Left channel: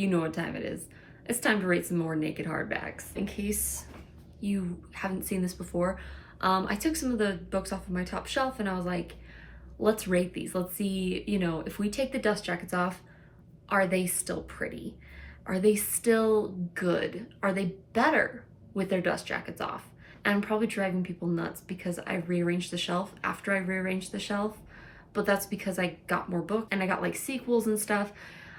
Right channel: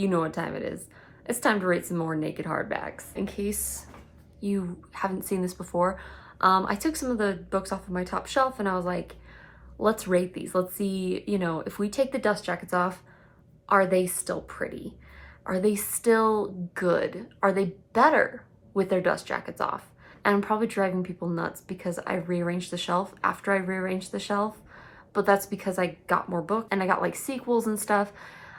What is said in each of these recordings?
you know what time it is. It's time to rate some more naked hardbacks. In case you haven't seen this before, I took some of the books off of my top shelf and I was like, let's rate these. Let's see, you know, if we take the dust jackets off, are they still pretty? Are they still good? Are they better with their dust jackets off? And I'm probably driving people nuts because I rearranged the shelf after I rearranged the shelf, but that's because I got more books and I got like sequels and stuff.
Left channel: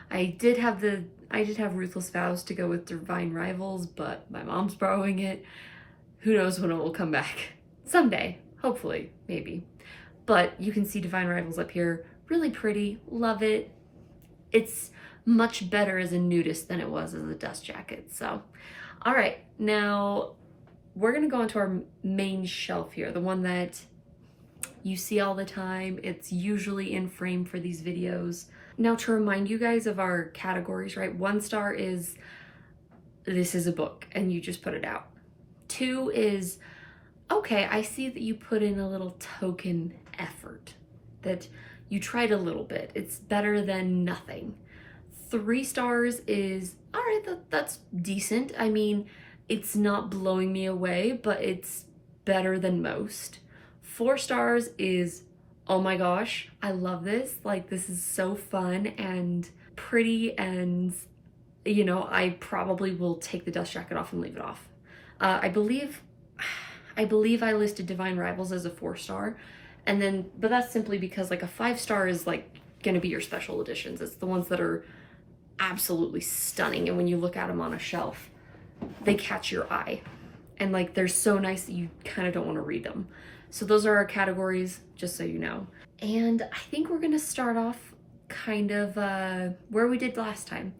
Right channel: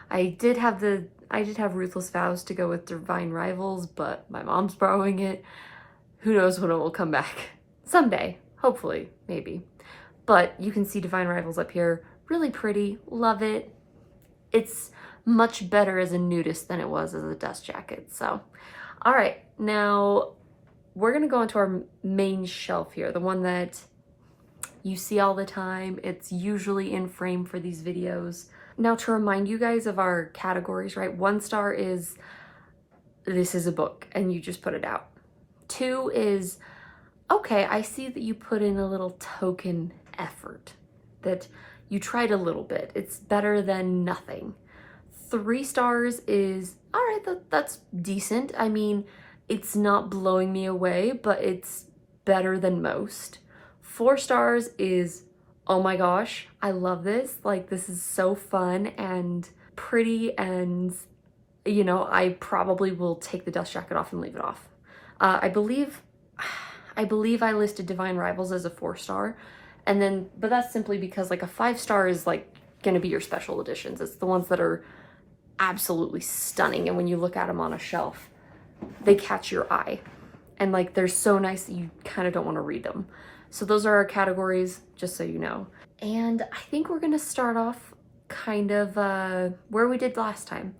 I did have Ruthless Vows to go with Divine Rivals, but my mom's borrowing it. Who knows when it will come back. Someday, hopefully, maybe. But you can see Divine Rivals up here. Really pretty, love it. It's much better as a nudist than it was as a dust jacket. So, all right, now we're gonna go into our main shelf here, the one that you see all the time. It's usually in frame for these videos. Now, to remind you guys of our categories, right? 1 star is, this is a book and you just put it out. 2 is, okay, I see that you put in a little token effort, that you tried a little bit. It's better than nothing. 3 stars is, all right, that's decent. I mean, it's not blowing me away, but it's better than most. 4 stars is, oh my gosh, I love this. Like, this is so fun and pretty, and, you know, I probably will take the dust jacket off and leave it off. I believe I listed Divine Rivals as a 4 star, and then, but that's simply because like a 5 star is like gonna be your special editions. It's the ones that are absolutely stunning, and when you look at them on a shelf, they catch your eye, and like they're so nice that you kind of don't want to read them. So those are our categories, just so you know. And I think we're gonna start off kind of where we did last time.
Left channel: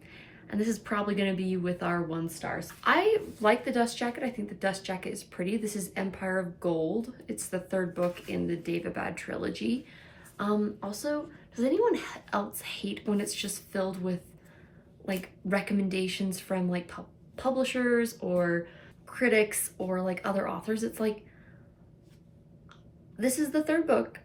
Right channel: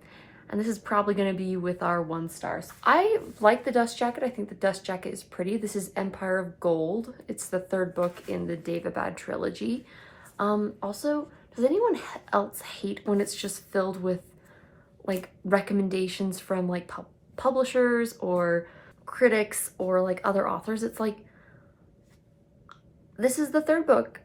And this is probably gonna be with our 1 stars. I like the dust jacket. I think the dust jacket is pretty. This is Empire of Gold. It's the 3rd book in the Daevabad trilogy. Also, does anyone else hate when it's just filled with like recommendations from like publishers or critics or like other authors? It's like, this is the 3rd book.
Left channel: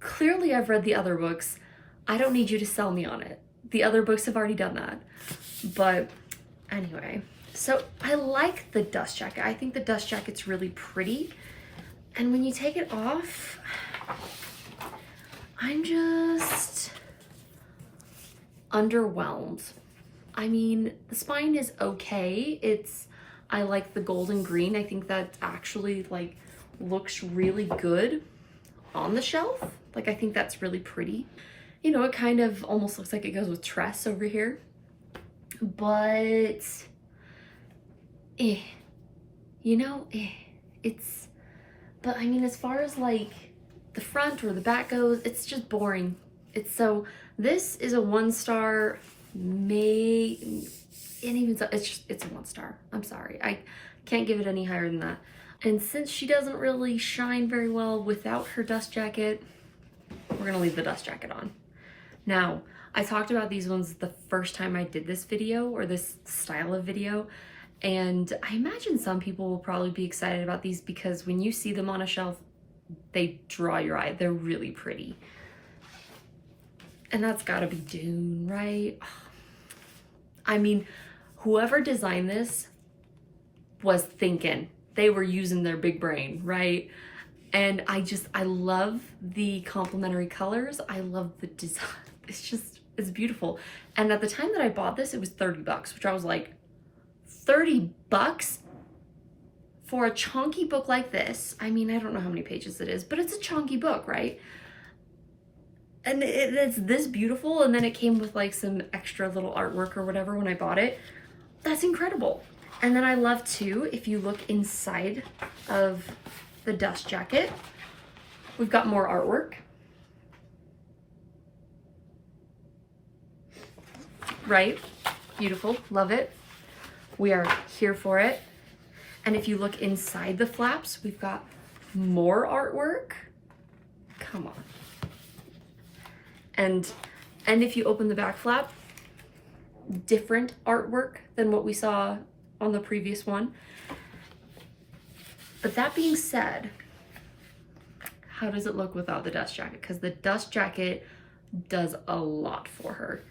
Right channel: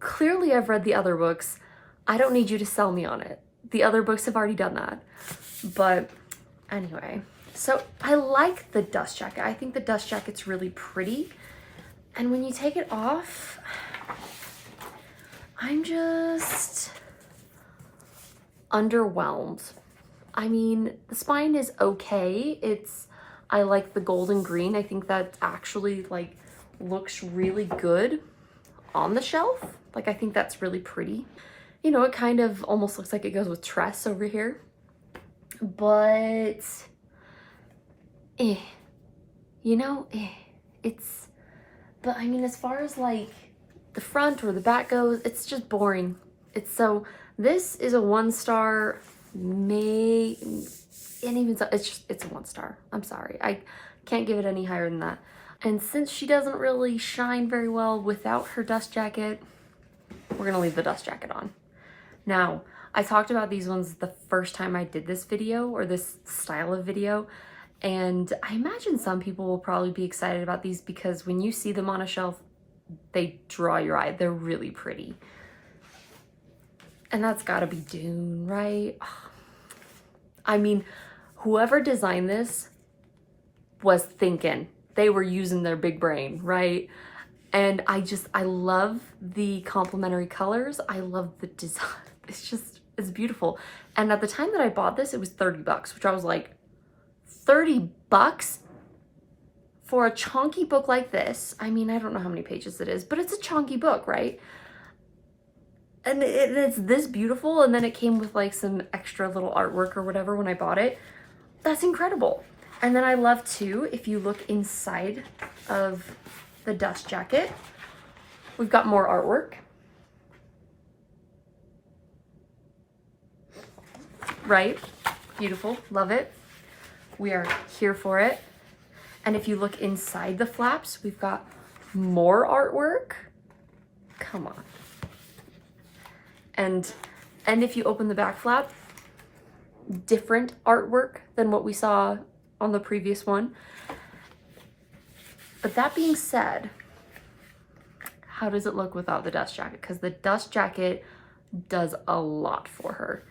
Clearly I've read the other books. I don't need you to sell me on it. The other books have already done that. But anyway, so I like the dust jacket. I think the dust jacket's really pretty. And when you take it off, I'm just underwhelmed. I mean, the spine is okay. I like the golden green. I think that actually like looks really good on the shelf. Like, I think that's really pretty. You know, it kind of almost looks like it goes with Tress over here, but you know, but I mean, as far as like the front or the back goes, it's just boring. This is a 1 star, it's a 1 star. I'm sorry, I can't give it any higher than that. And since she doesn't really shine very well without her dust jacket, we're gonna leave the dust jacket on. Now, I talked about these ones the first time I did this video, or this style of video, and I imagine some people will probably be excited about these because when you see them on a shelf, they draw your eye. They're really pretty. And that's gotta be Dune, right? I mean, whoever designed this was thinking. They were using their big brain, right? And I love the complementary colors. I love the design. It's beautiful. And at the time that I bought this, it was 30 bucks, which I was like, 30 bucks for a chunky book like this? I mean, I don't know how many pages it is, but it's a chunky book, right? And it's this beautiful, and then it came with like some extra little artwork or whatever when I bought it. That's incredible. And then I love too, if you look inside of the dust jacket, we've got more artwork. Right? Beautiful, love it. We are here for it. And if you look inside the flaps, we've got more artwork. Come on. And if you open the back flap, different artwork than what we saw on the previous one. But that being said, how does it look without the dust jacket? Because the dust jacket does a lot for her.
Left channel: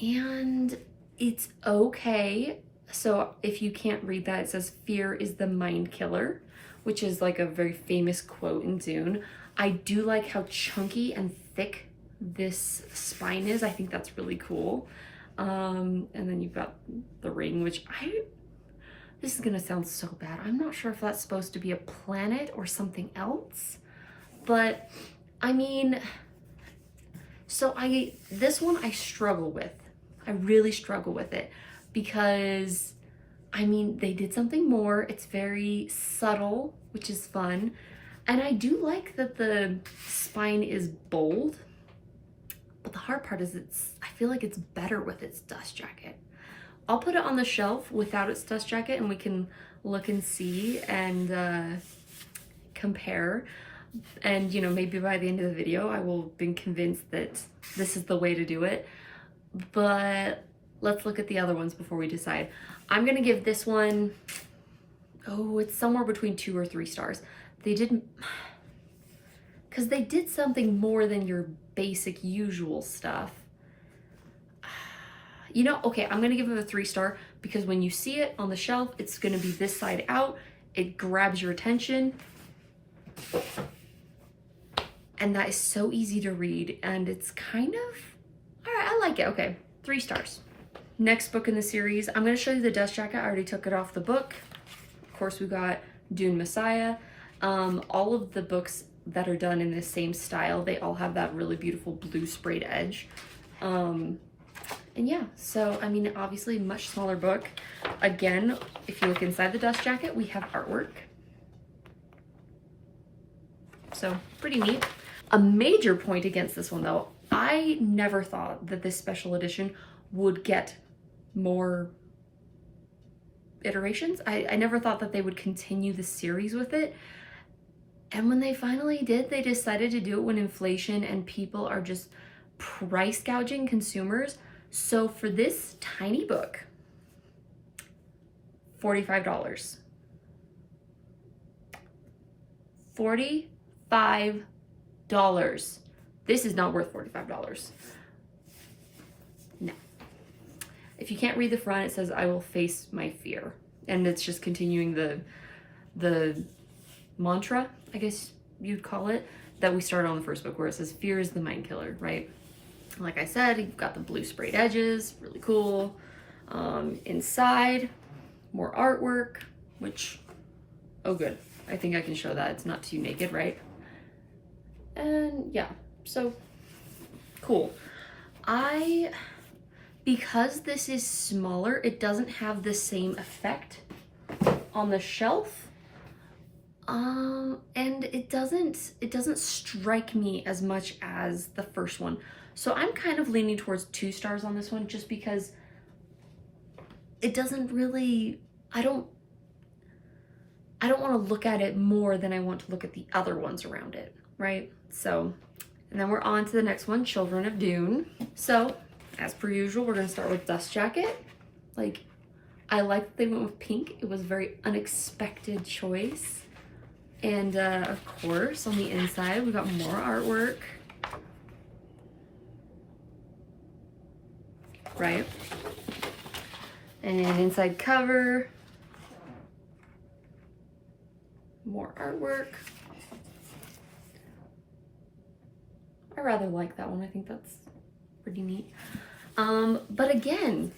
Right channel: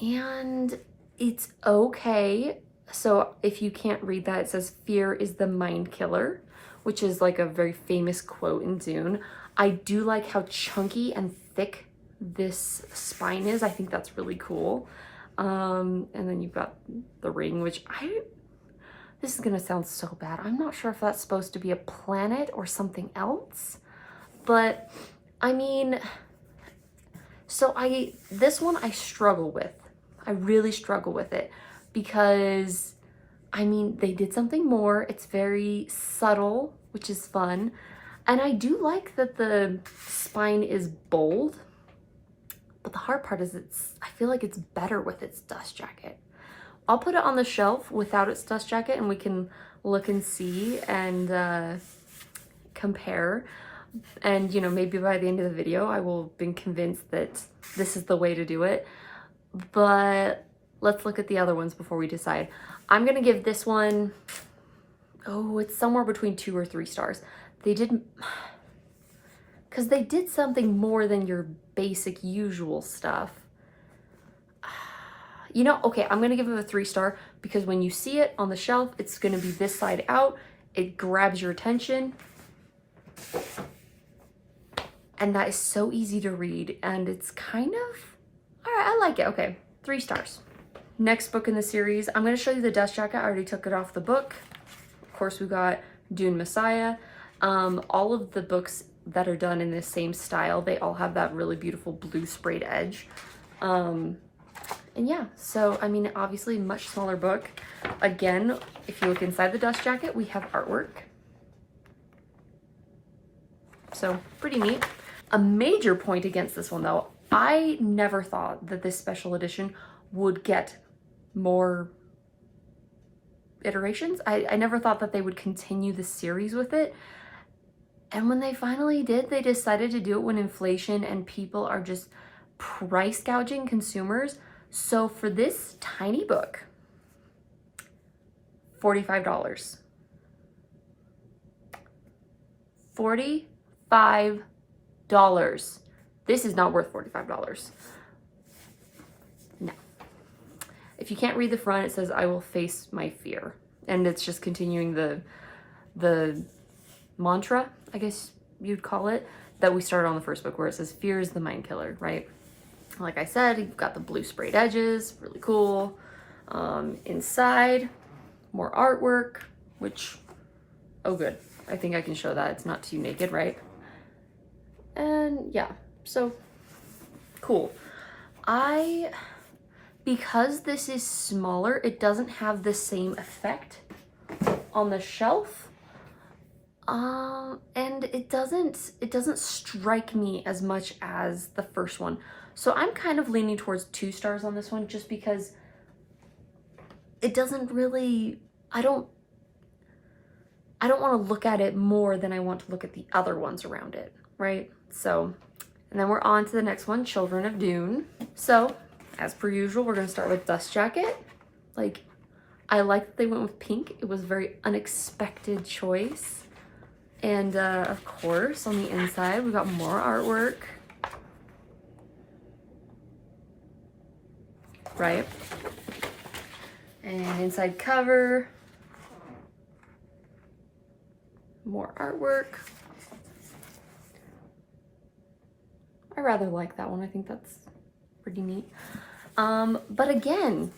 and it's okay. So if you can't read that, it says fear is the mind killer, which is like a very famous quote in Dune. I do like how chunky and thick this spine is. I think that's really cool. And then you've got the ring, which this is gonna sound so bad. I'm not sure if that's supposed to be a planet or something else, but I mean, so this one I struggle with. I really struggle with it because, I mean, they did something more. It's very subtle, which is fun. And I do like that the spine is bold, but the hard part is I feel like it's better with its dust jacket. I'll put it on the shelf without its dust jacket and we can look and see and compare. And, you know, maybe by the end of the video, I will have been convinced that this is the way to do it. But let's look at the other ones before we decide. I'm gonna give this one, oh, it's somewhere between 2 or 3 stars. Because they did something more than your basic usual stuff. You know, okay, I'm gonna give it a 3 star because when you see it on the shelf, it's gonna be this side out. It grabs your attention. And that is so easy to read, and it's kind of, all right, I like it. Okay, 3 stars. Next book in the series, I'm gonna show you the dust jacket. I already took it off the book. Of course, we got Dune Messiah. All of the books that are done in the same style, they all have that really beautiful blue sprayed edge. And yeah, so, I mean, obviously much smaller book. Again, if you look inside the dust jacket, we have artwork. So, pretty neat. A major point against this one though, I never thought that this special edition would get more iterations. I never thought that they would continue the series with it. And when they finally did, they decided to do it when inflation and people are just price gouging consumers. So for this tiny book, $45. $45. This is not worth $45. No. If you can't read the front, it says, I will face my fear. And it's just continuing the mantra, I guess you'd call it, that we started on the first book, where it says fear is the mind killer, right? Like I said, you've got the blue sprayed edges, really cool. Inside, more artwork, which, oh good. I think I can show that. It's not too naked, right? And yeah, so cool. Because this is smaller, it doesn't have the same effect on the shelf. And it doesn't strike me as much as the first one. So I'm kind of leaning towards 2 stars on this one, just because it doesn't really, I don't want to look at it more than I want to look at the other ones around it, right? So, and then we're on to the next one, Children of Dune. So, as per usual, we're gonna start with Dust Jacket. Like, I like that they went with pink. It was a very unexpected choice. And of course, on the inside, we got more artwork. Right? And inside cover, more artwork. I rather like that one. I think that's pretty neat. But again,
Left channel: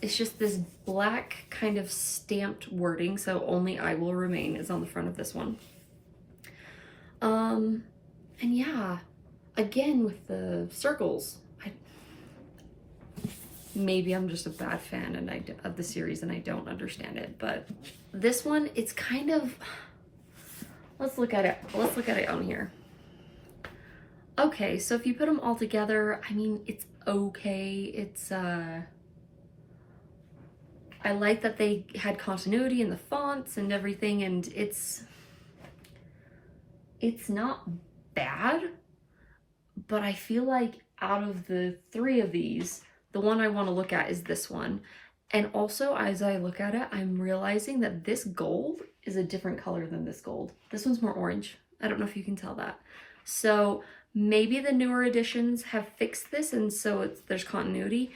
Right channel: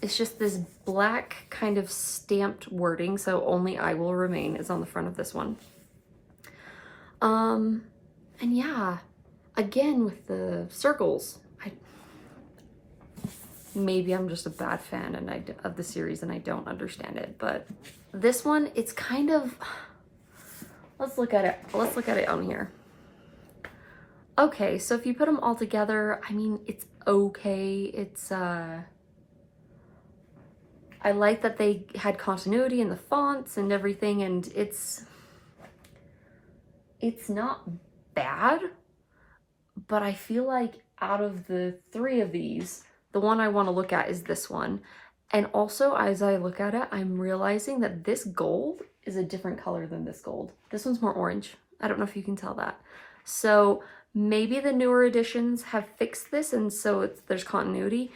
it's just this black kind of stamped wording, so only I will remain is on the front of this one. And yeah, again with the circles, maybe I'm just a bad fan and of the series and I don't understand it, but this one, it's kind of, let's look at it on here. Okay, so if you put them all together, I mean, it's okay. It's, I like that they had continuity in the fonts and everything, and it's not bad, but I feel like out of the 3 of these, the one I want to look at is this one. And also, as I look at it, I'm realizing that this gold is a different color than this gold. This one's more orange. I don't know if you can tell that. So maybe the newer editions have fixed this, and so there's continuity,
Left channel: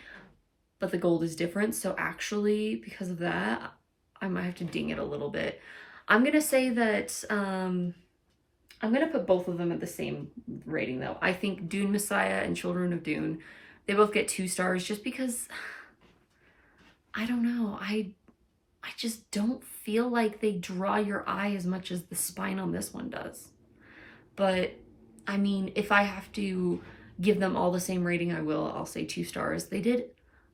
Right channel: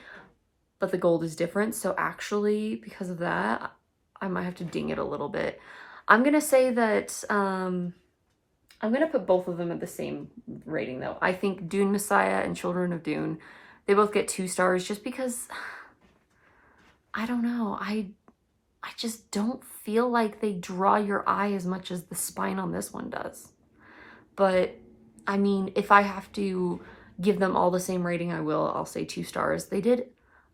but the gold is different. So actually, because of that, I might have to ding it a little bit. I'm gonna say that I'm gonna put both of them at the same rating though. I think Dune Messiah and Children of Dune, they both get 2 stars just because, I don't know, I just don't feel like they draw your eye as much as the spine on this one does. But I mean, if I have to give them all the same rating, I will. I'll say 2 stars. They did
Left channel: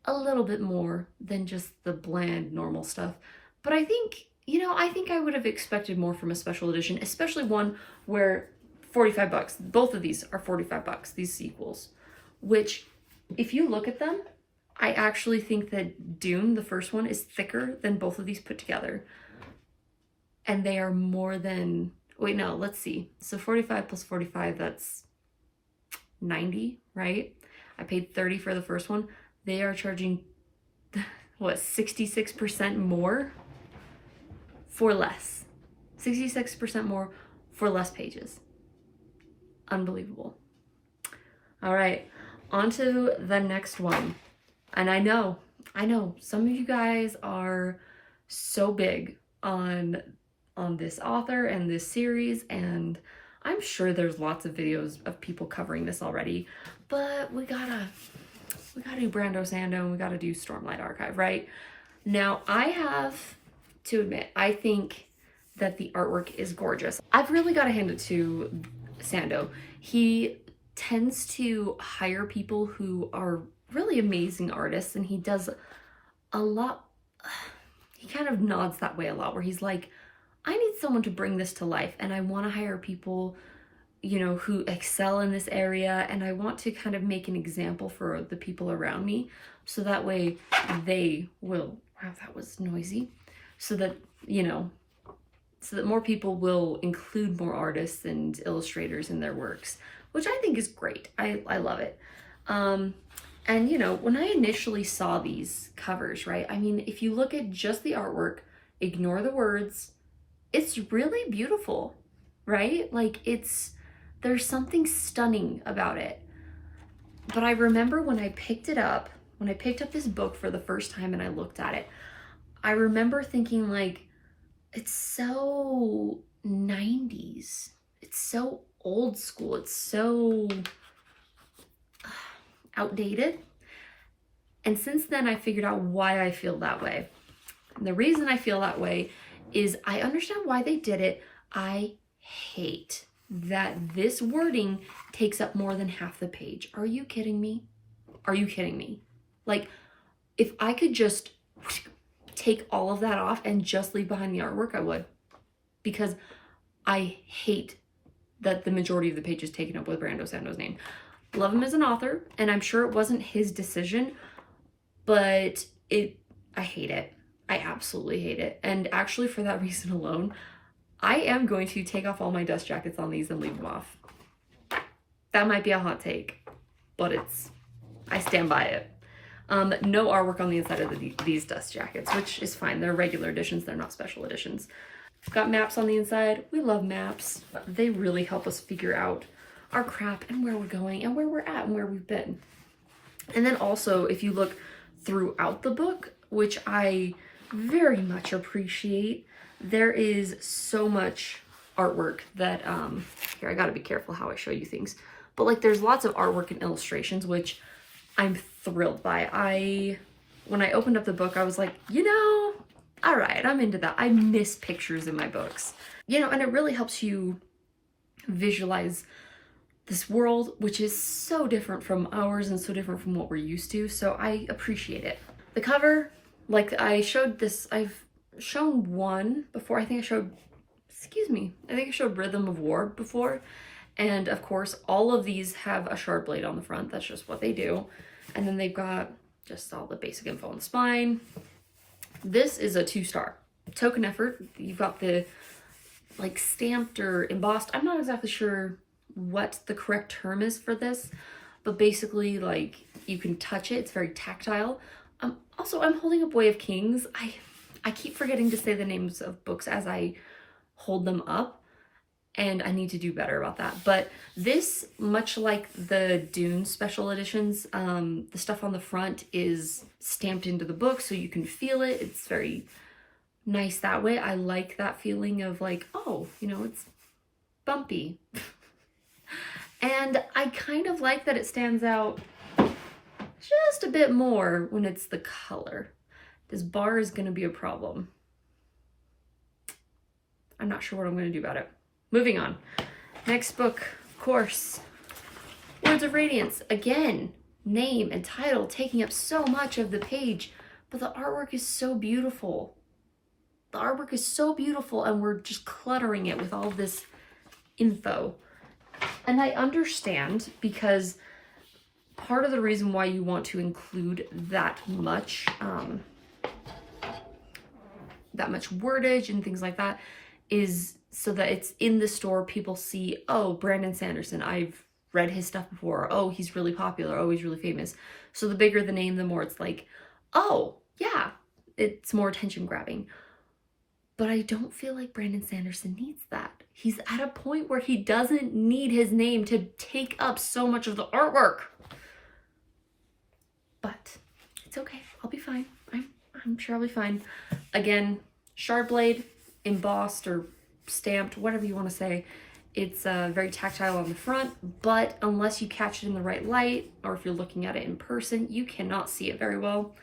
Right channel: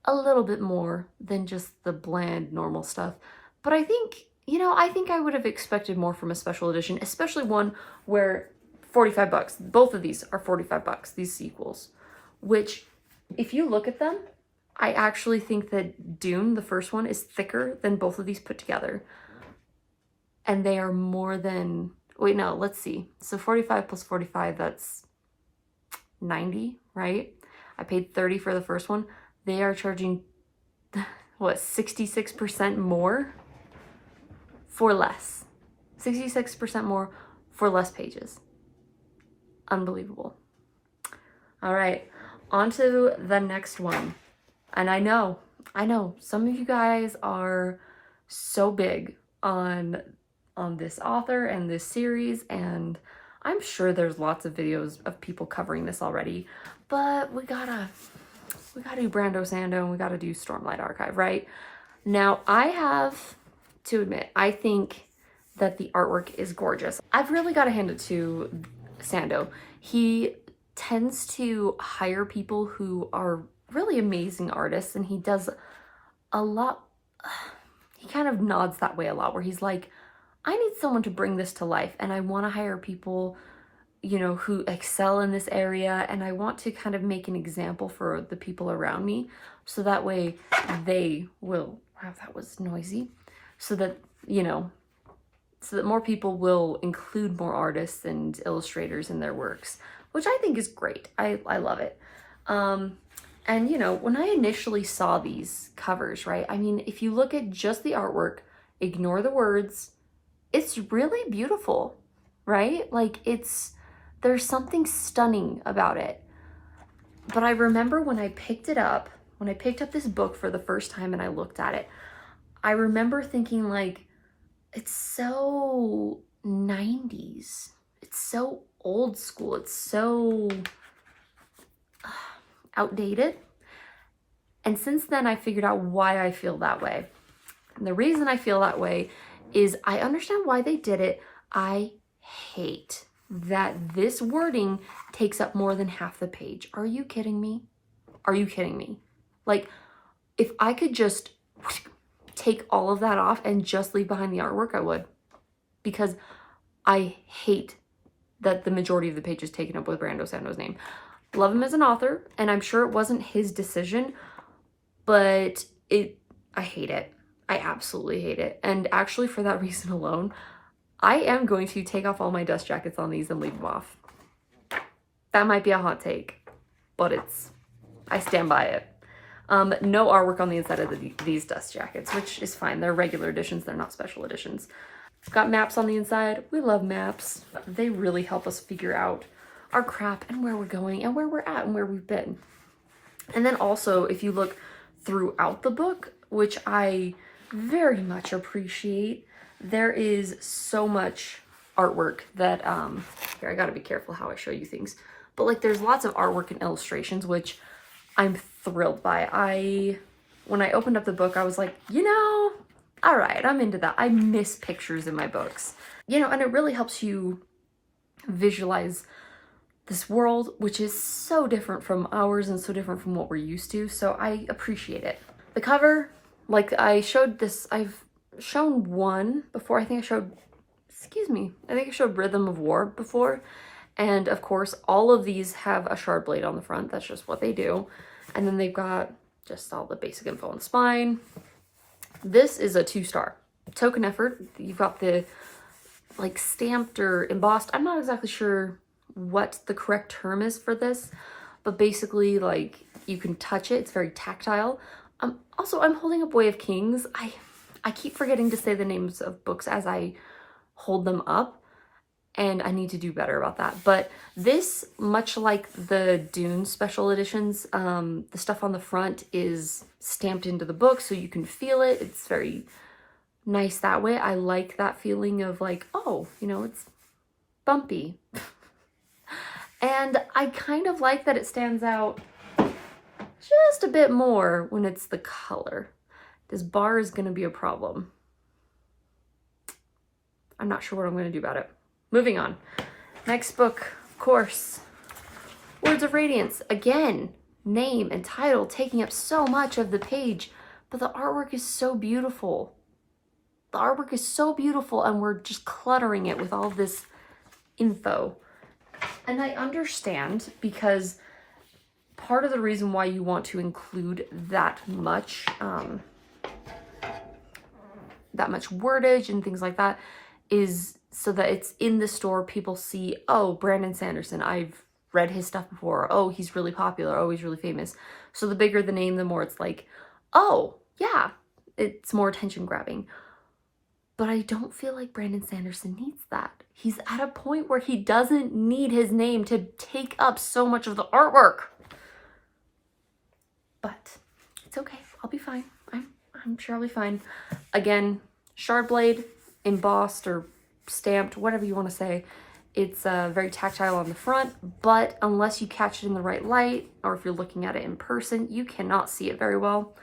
a little bit more than just the bland normal stuff. But I think, you know, I think I would have expected more from a special edition, especially one where 45 bucks. Both of these are 45 bucks, these sequels, which if you look at them, I actually think that Dune, the first one, is thicker than both of these put together. And they are more than, wait, no, let's see. So 45 plus 45, that's 90, right? I paid 30 for the first one. They are charging, what, 66% more for less. 66% more for less pages. Unbelievable. All right, on to the next one. And I know, some of you guys are so big on this author and this series, and I'm sure there's lots of videos of people covering this already, but we gotta do Brando Sando and we gotta do Stormlight Archive, right? Now, I have to admit, I think that the artwork is gorgeous. I've really got to hand it to Sando. He tends to hire people who are really amazing artists, and he does a lot, he kind of nods that way a lot, where he's like, I need someone to bring this to life, and I want to hire people, you know, who excel in this area, and I want to kind of make an example for the people around me, so that way they will, wow, that was noisy, so that, you know, so that more people will include more artists and illustrators in their works, which I think is great. I love it. And, you know, when I initially saw these covers, right, I mean, if you look at just the artwork, ignore the words, it's really beautiful, right? Like, there's something stunning about it. But I remember when I picked up this book for the first time and I looked at it, I remember thinking, like, it's so 90s. It's so old school. It's so outdated. And since then, I figured out why I feel that way. And the reason I feel that way is I understand why they did it. I hate that this wording takes up more than half the page. Are you kidding me? Are you kidding me? Like, if I could just take all of that off and just leave behind the artwork, I would. Because I hate that the majority of the page is taken up with Brando Sando's name. Love him as an author, and I'm sure it wasn't his decision, but I hate it. I absolutely hate it. And actually, for that reason alone, I am going to take off all my dust jackets on these and leave them off. That might be a hot take, but I stand by it. No artwork on the inside of these dust jackets, which is fine. They're regular editions. They're not special editions. Got maps on the inside. We love maps. They really help us figure out our crap and where we're going and where we're at and where we've been. And then also, if you look throughout the book, which I very much appreciate, there is so much artwork that, here, I gotta be careful how I show you things, but like there's lots of artwork and illustrations, which I'm thrilled by. When I opened up the book, I was like, you know, all right, I'm into that. I miss pictures in my books, you know, and it really helps you visualize this world, which is so different from ours and so different from what we're used to. So I appreciate it. The cover, like I showed this, I've shown one before. I think I showed Rhythm of War before. And of course, all of these have a shard blade on the front. That's just what they do. And then they've got just all the basic info on the spine. This is a 2-star. Token effort. You've got the like stamped or embossed. I'm not exactly sure what the correct term is for this, but basically like you can touch it. It's very tactile. Also, I'm holding up Way of Kings. I keep forgetting to say the names of books as I hold them up. and I need to do better about that. But this, much like the Dune special editions, the stuff on the front is stamped into the book so you can feel it. It's very nice that way. I like that feeling of like, oh, you know, it's bumpy. And I kind of like that it stands out just a bit more when it's the color. This bar is going to be a problem. I'm not sure what I'm going to do about it. Moving on. Next book, of course, Words of Radiance. Again, name and title taking up so much of the page, but the artwork is so beautiful. The artwork is so beautiful, and we're just cluttering it with all of this info. And I understand, because part of the reason why you want to include that much wordage and things like that is so that it's in the store, people see, oh, Brandon Sanderson, I've read his stuff before. Oh, he's really popular. Oh, he's really famous. So the bigger the name, the more it's like, oh, yeah, it's more attention grabbing. But I don't feel like Brandon Sanderson needs that. He's at a point where he doesn't need his name to take up so much of the artwork. But it's okay. I'll be fine. I'm sure I'll be fine. Again, shard blade, embossed or stamped, whatever you want to say. It's very tactile on the front, but unless you catch it in the right light, or if you're looking at it in person, you cannot see it very well.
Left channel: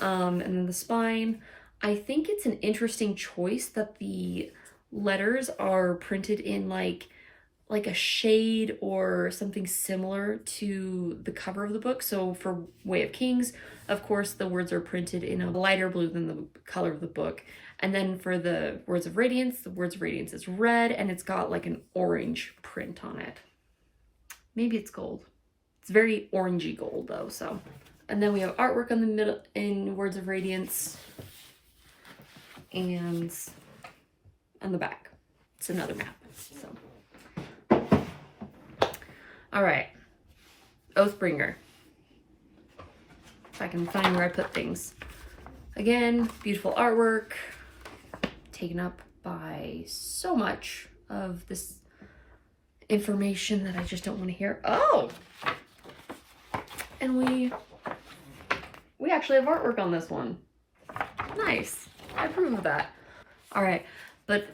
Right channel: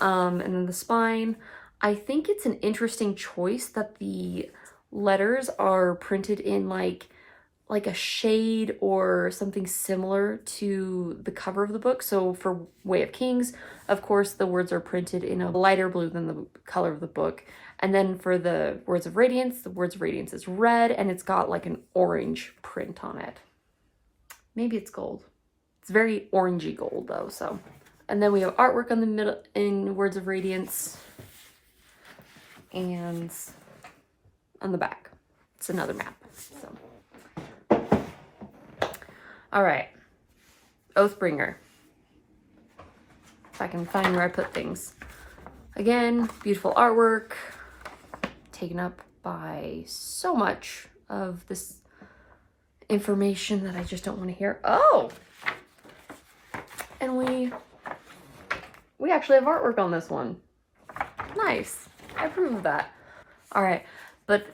And then the spine, I think it's an interesting choice that the letters are printed in like a shade or something similar to the cover of the book. So for Way of Kings, of course, the words are printed in a lighter blue than the color of the book. And then for the Words of Radiance, the Words of Radiance is red, and it's got like an orange print on it. Maybe it's gold. It's very orangey gold though, so. And then we have artwork on the middle in Words of Radiance. And on the back, it's another map, so. All right, Oathbringer. If I can find where I put things. Again, beautiful artwork, taken up by so much of this information that I just don't want to hear. Oh, and we actually have artwork on this one. Nice, I approve of that. All right, but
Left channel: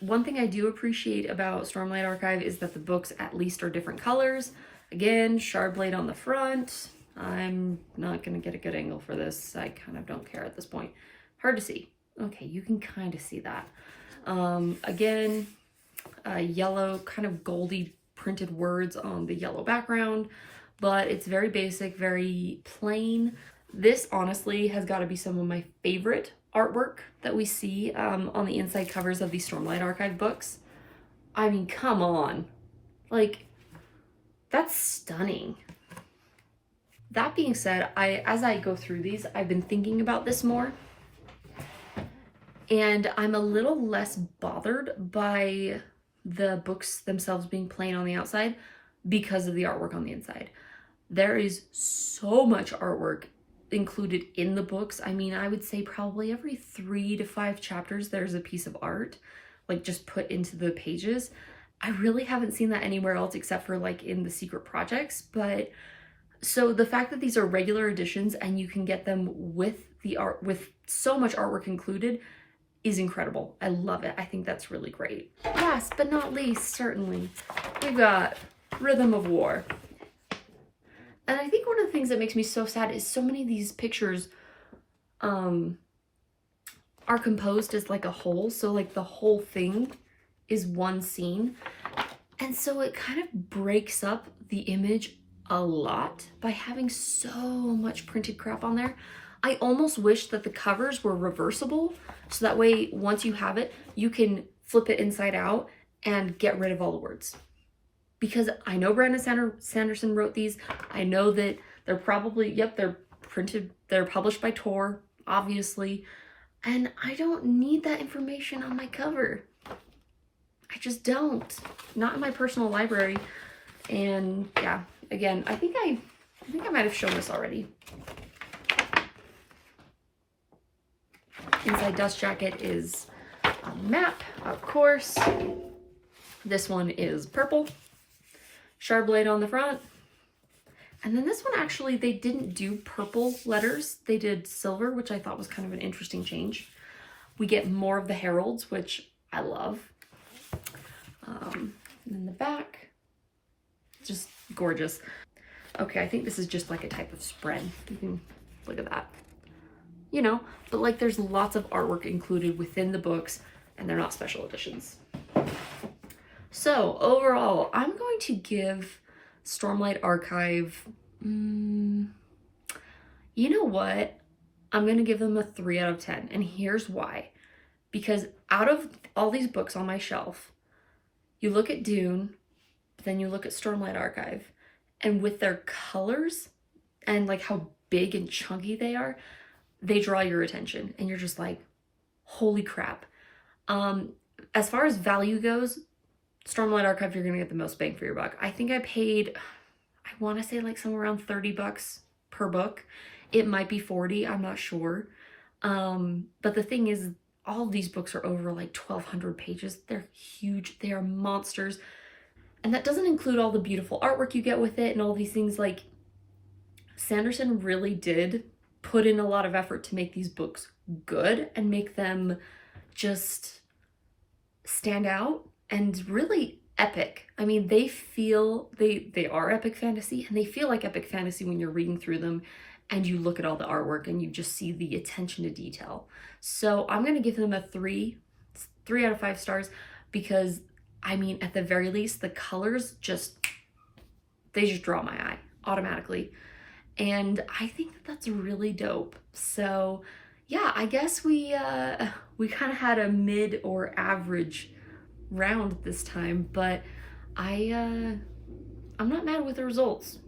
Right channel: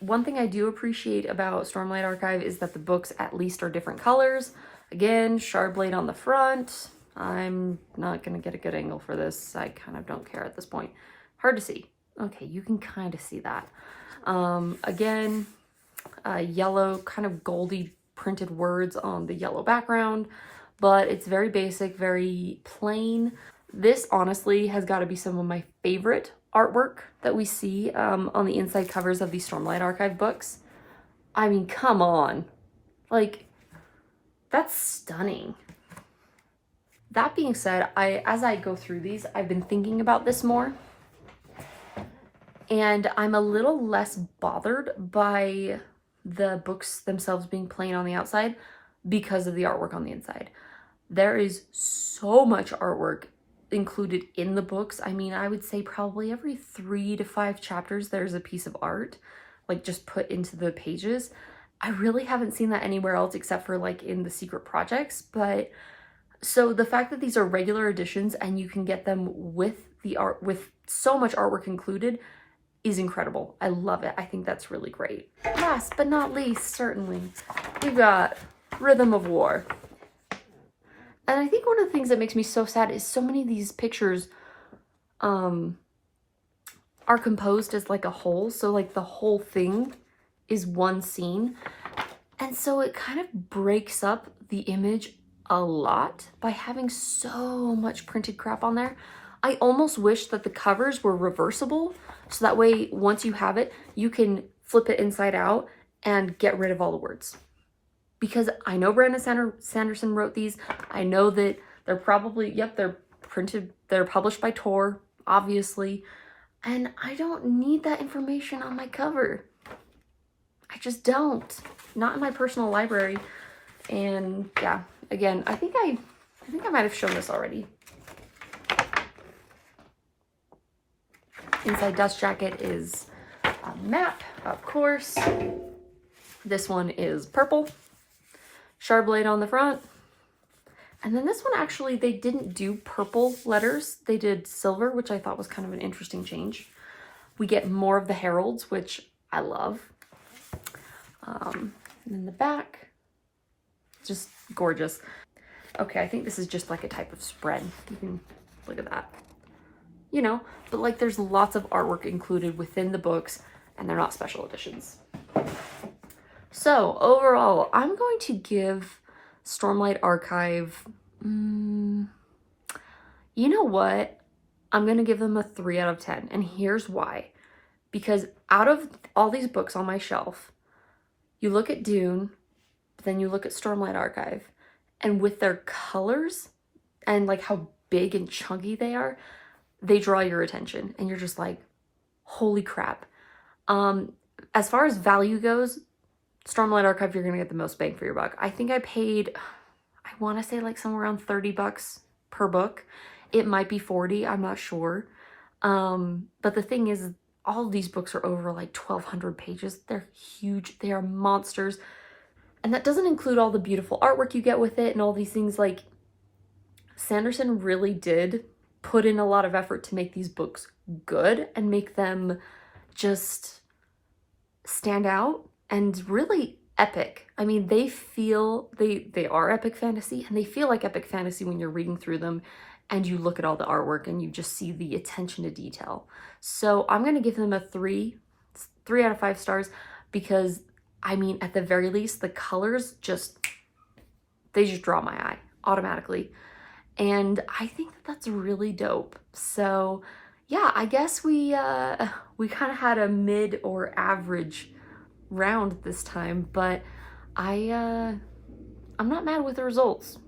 one thing I do appreciate about Stormlight Archive is that the books at least are different colors. Again, shard blade on the front. I'm not gonna get a good angle for this. I kind of don't care at this point. Hard to see. Okay, you can kind of see that. Again, yellow, kind of goldy printed words on the yellow background, but it's very basic, very plain. This honestly has got to be some of my favorite artwork that we see on the inside covers of these Stormlight Archive books. I mean, come on. Like, that's stunning. That being said, as I go through these, I've been thinking about this more. And I'm a little less bothered by the books themselves being plain on the outside because of the artwork on the inside. There is so much artwork included in the books. I mean, I would say probably every 3 to 5 chapters there's a piece of art, like just put into the pages. I really haven't seen that anywhere else except for like in the secret projects. But so the fact that these are regular editions and you can get them with the art, with so much artwork included, is incredible. I love it. I think that's really great. Last but not least, certainly, we've got Rhythm of War. And I think one of the things that makes me so sad is so many of these pictures are composed as like a whole. So like the whole thing is one scene. And so it kind of breaks up the image a lot by having so much printed crap on there. I almost wish that the covers were reversible. So that way, once you have it, you can flip it inside out and get rid of all the words. Because I know Brandon Sanderson wrote these. I know that they're probably, yep, they're printed, they're published by Tor, obviously. And I don't need that information on my cover. I just don't. Not in my personal library. And yeah, again, I think I might have shown this already. Inside Dust Jacket is a map, of course. This one is purple, Charbonnet on the front. And then this one, actually, they didn't do purple letters. They did silver, which I thought was kind of an interesting change. We get more of the heralds, which I love. In the back, just gorgeous. Okay, I think this is just like a type of spread. You can look at that. You know, but like there's lots of artwork included within the books, and they're not special editions. So overall, I'm going to give Stormlight Archive, you know what? I'm going to give them a 3 out of 10. And here's why. Because out of all these books on my shelf, you look at Dune, but then you look at Stormlight Archive, and with their colors and like how big and chunky they are, they draw your attention and you're just like, holy crap. As far as value goes, Stormlight Archive, you're gonna get the most bang for your buck. I think I paid, I want to say like somewhere around 30 bucks per book. It might be 40, I'm not sure. But the thing is, all of these books are over like 1,200 pages. They're huge, they are monsters. And that doesn't include all the beautiful artwork you get with it and all these things. Like, Sanderson really did put in a lot of effort to make these books good and make them just stand out and really epic. I mean, they feel, they are epic fantasy, and they feel like epic fantasy when you're reading through them and you look at all the artwork and you just see the attention to detail. So I'm going to give them a 3 out of 5 stars, because I mean, at the very least, the colors just, they just draw my eye automatically. And I think that that's really dope. So yeah, I guess we kind of had a mid or average round this time, but I'm not mad with the results.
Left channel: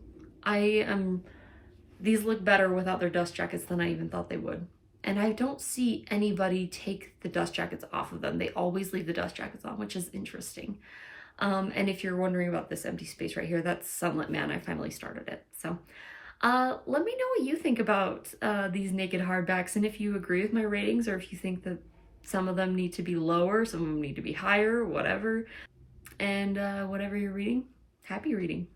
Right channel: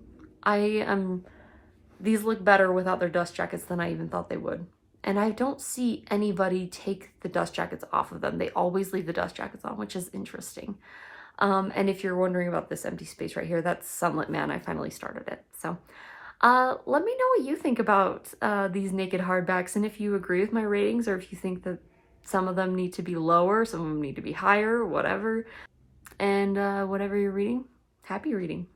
These look better without their dust jackets than I even thought they would. And I don't see anybody take the dust jackets off of them. They always leave the dust jackets on, which is interesting. And if you're wondering about this empty space right here, that's Sunlit Man. I finally started it. So let me know what you think about these naked hardbacks, and if you agree with my ratings, or if you think that some of them need to be lower, some of them need to be higher, whatever. And whatever you're reading, happy reading.